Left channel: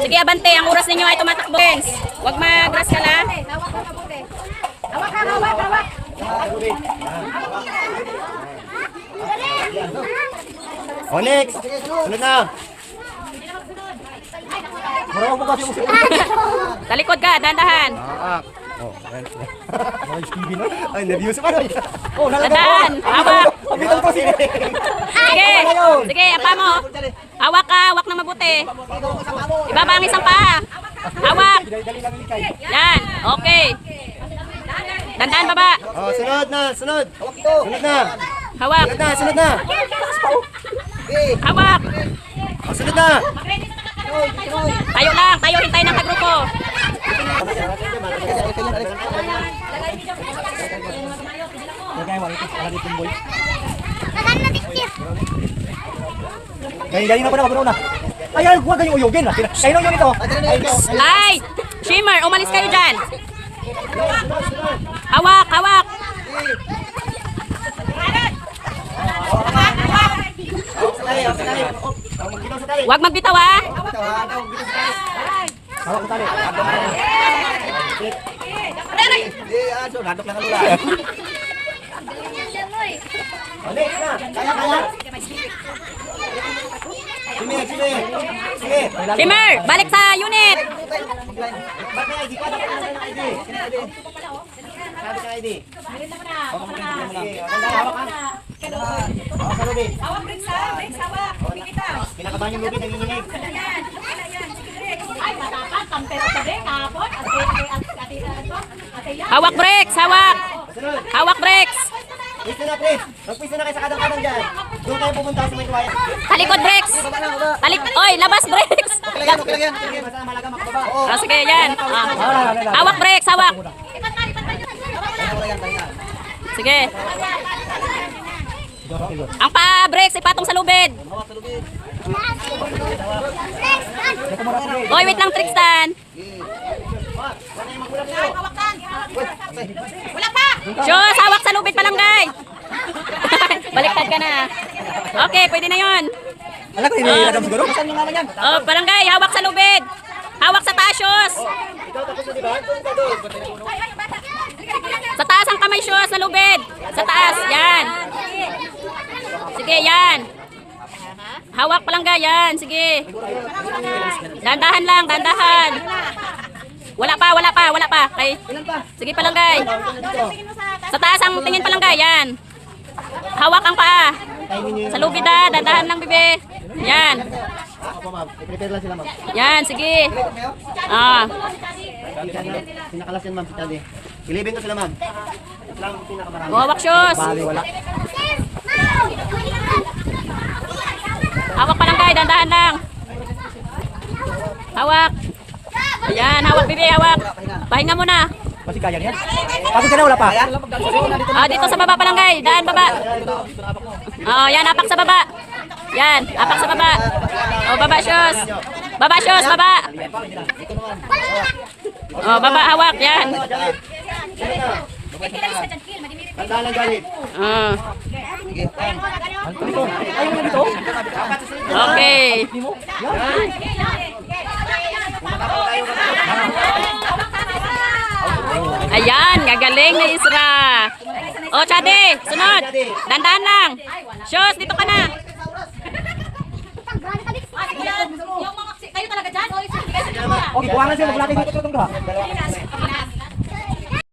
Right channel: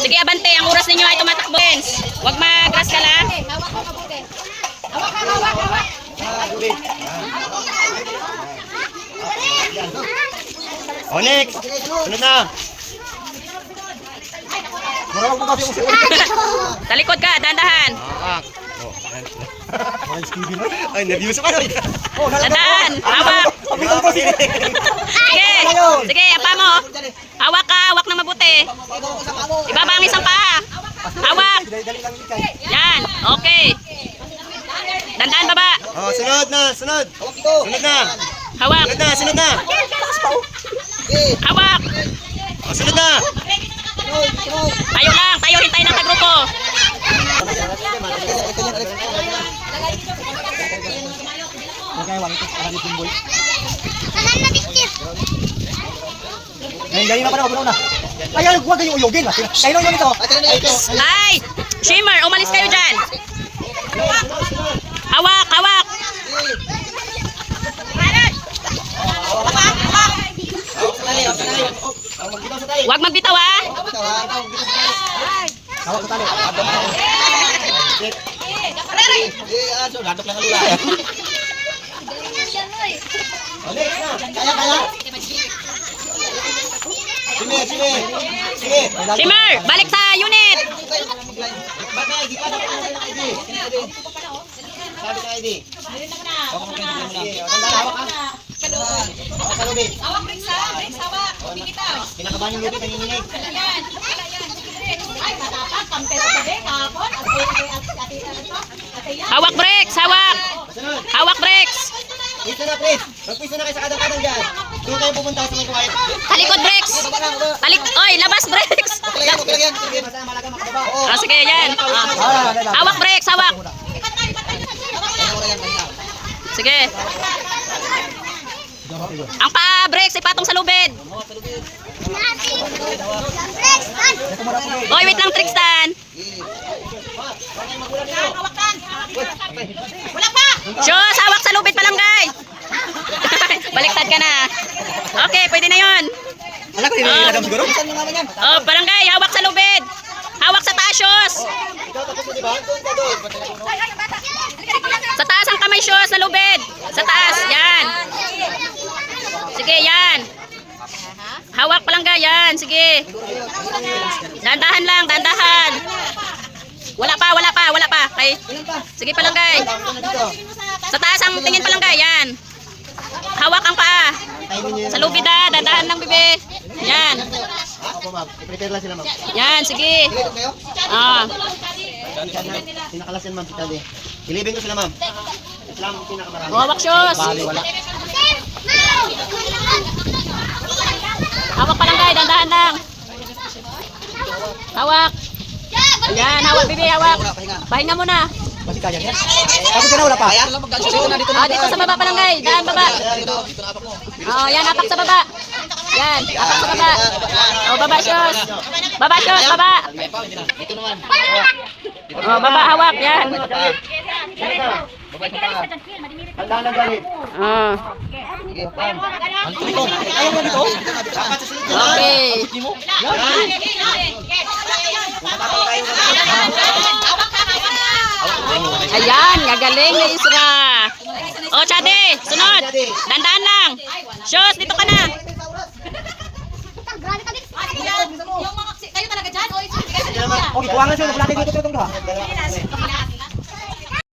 Sige, abante. Ang oras ninyo ay tumatakbo. Huwag mag-grass ka lang. Hawak ka mabuti. Hawak ka, hawak, hawak. O, next. Ano na? Talikod ka, dahan-dahan. Ay, nervous ako. Dahan, hawak. Sige, sige, apa mo. Hawak ka, hawak na mabuti. Ibaba ang isang paa. Hawak. Yan, okay. Dandan baba. Oh, sunod na, sunod. Sunod na. Hawak. Sunod na, sunod na. Hawak. Oh, sunod na. Tayo lang, tayo rin tayo ng kagrupo. Ganyan ako na, magano na. Ayan, huwag kayong uyogin. Kayo lang ito. Ay, Shimmer, umalis kayo dyan. Hawak, hawak. Huwag magbitaw ha. Shimmer, balik sa unit. Hawak, breaks ha. Breaks, hawak. Bibitaw. Kinakabahan yung lupit na yuninig. Ayan. Sige. Ay, matapag. Kampe sa tabi. Kapon. Hawak brakes, hawak. Hawak brakes. Pwede na, please. Magpwisto na kayo sa kadang-kadang dyan. Doon kayo pupunta sa may kuwait. Talikod brakes. Oy, labas brakes. Sige, basta na malaga makababa. Oo. Ah, sige, yan. Hawak brakes, hawak. Sige. Ang pa-brakes ipatong sa lubid. Oy, wait lang, Trixtan. Shoes, hawak sa lubid palangay. Baliktad ka na. Okay, pwede na yun. Alam ko, hindi siguro. Saan mo naman yan? Oh, palangay, hawak sa lubid. Hawak sa taas, shoes. Ikaw tapos na, di ba? Doon ka doon. Sa taas ang kamay, shoes, sa lubid. Sa taas, yan. Sige, yan. Hawak palangga, yan. Sige. Dandahan lang, dandahan. Wala pa, wala pa, wala pa. Okay. Sige palanggay. Sa taas ang tingin palanggay, yan. Hawak ang paa. Sa lubid ha, dandahan lang, bebe. Yan. Ako, ma'am. I-prepare lang sila, ma'am. Yan, sige. Ah. Sinakalas yan, ma'am, si Tabi. Ilibin ko sila, ma'am. Sila ang pinakamarami. Hawak, shoes. Hawak palanggay, dandahan lang. Hawak. Ayan, hawak, bebe, hawak. Pahinga muna. Kasi kaya yan. Ako sila, wala pa. Ah, dito sa baba palanggay, daan baba. Oh, yan, apak sa baba. Yan, apak sa baba. Oh, baba, shoes. Baba, shoes, baba. Oh, baba, hawak, yan. Handa lang galit. Ah. Ayaw na dito. Okay. Ayan, gagaling na Isra. Oh, Chade, sunod. Dandan lang. Shoes, dito ka na. Kayo talaga dyan? Okay, kuwangan siya. Nagpulatin dito itong doha.